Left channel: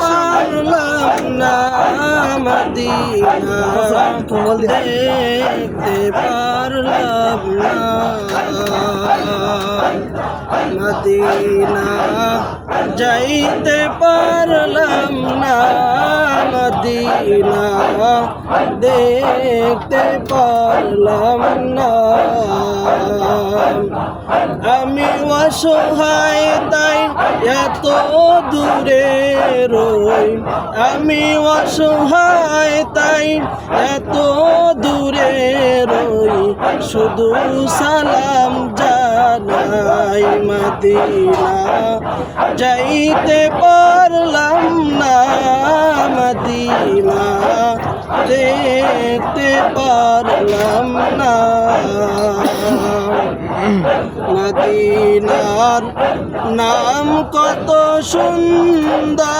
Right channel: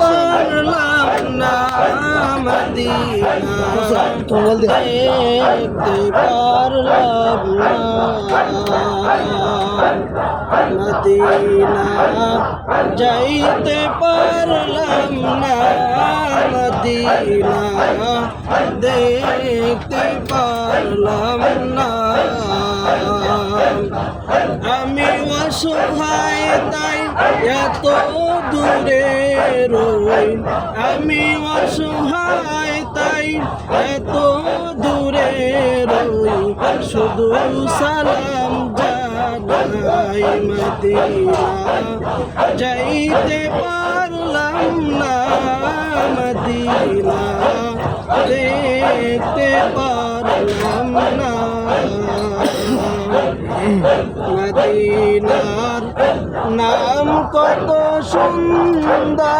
পারলাম না মদিনা দেখতে পারলাম না মদিনা যাইতে পারলাম না মদিনা দেখতে পারলাম না আমি অসহায় তাই এত দূরে রই আমি অসহায় তাই এত দূরে রই শুধু সালাম জানাই মদিনা যাইতে পারলাম না মদিনা দেখতে পারলাম না মদিনার নাম কত সুন্দর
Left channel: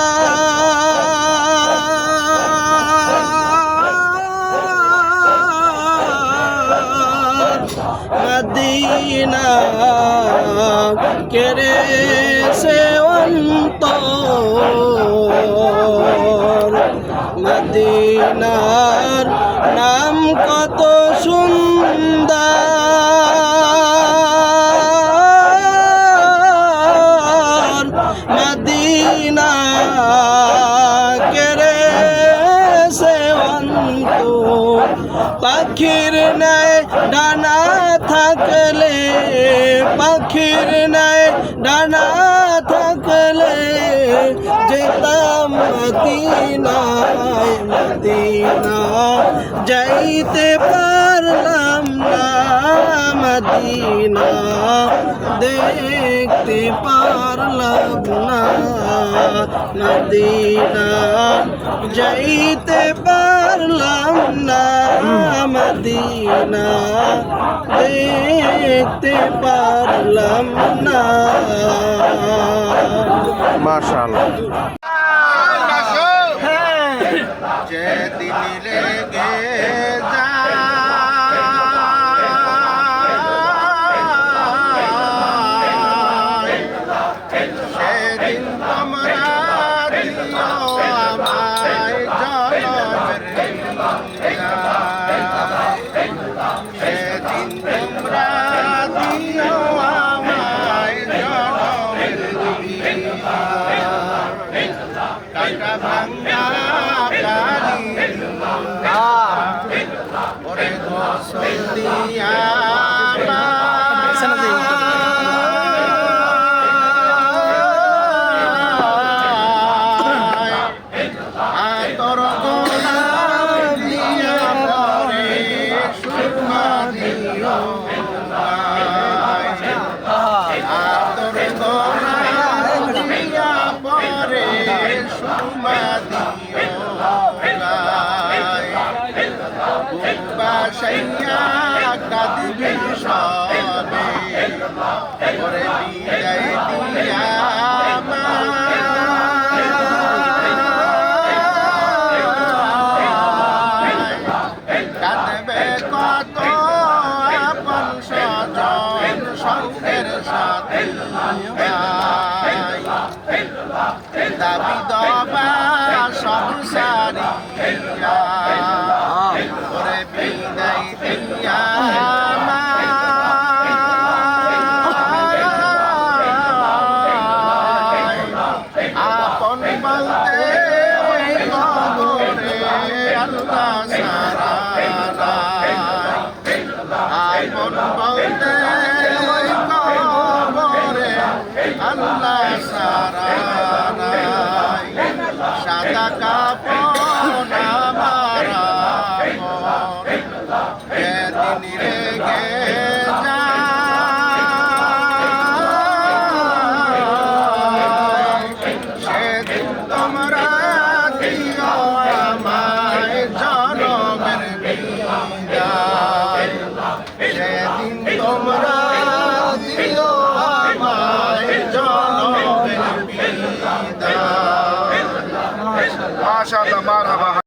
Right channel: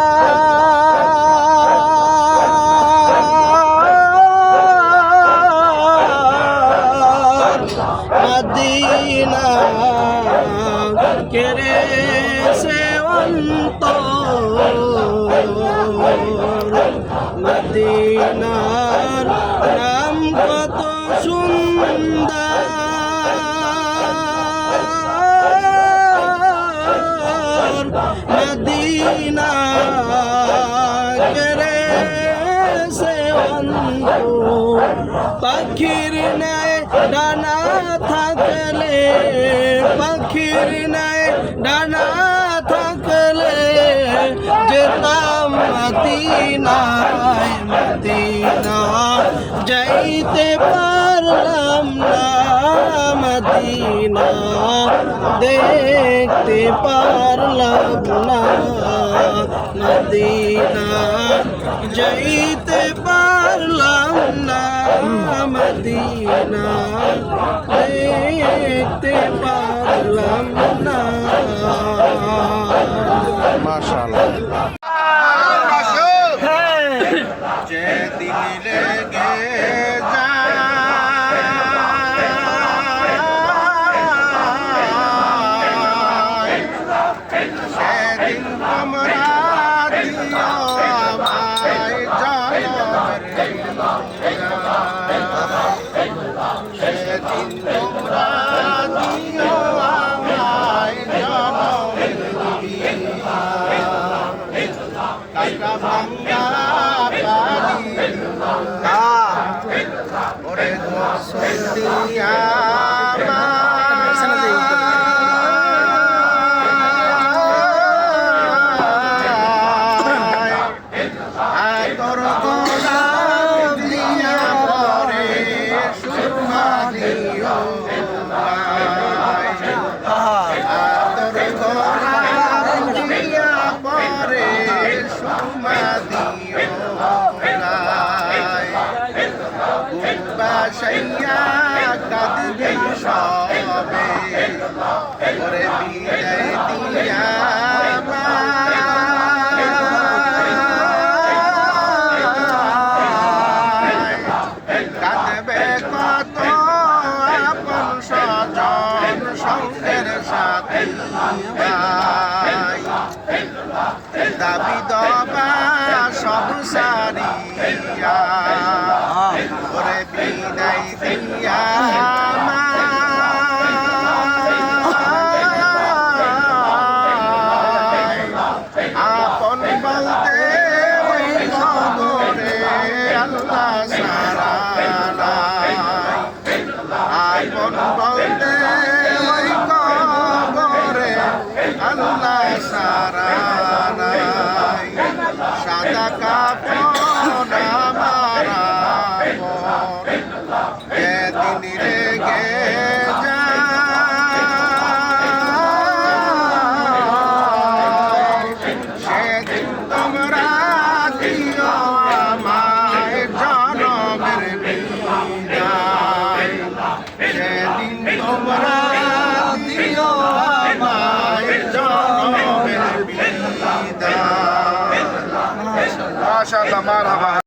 মদিনা কেড়ে সে অন্তর মদিনার নাম কত সুন্দর মদিনা কেড়ে সে অন্তর পাখির ন্যায় ডানা থাকলে পাখির ন্যায় ডানা থাকলে যেতাম মদিনায় মদিনা যাইতে পারলাম না মদিনা দেখতে পারলাম না মদিনা যাইতে পারলাম না মদিনা দেখতে পারলাম না মাশাআল্লাহ যেদিন লেগে সেদিন তোমরা দিও আমায় জনমের সেদিন তোমরা দিও আমায় জনমের কাটা ভাঙ্গা কালি ওরে গোসল দিয়া তোর গোলাপ দিয়া পরে সুরমা দিও তোর গোলাপ দিয়া পরে সুরমা দিও বাসাইয়া কাঁদবি সবে ওরে বিদায় দিয়া কাঁদবে কত আপন স্বজন সঙ্গের সাথে দাবি দবা সব সারিয়া ওরে বিদায় দিয়া আপন বলতে খবরে আল্লাহ সারা আপন বলতে খবরে আল্লাহ সারা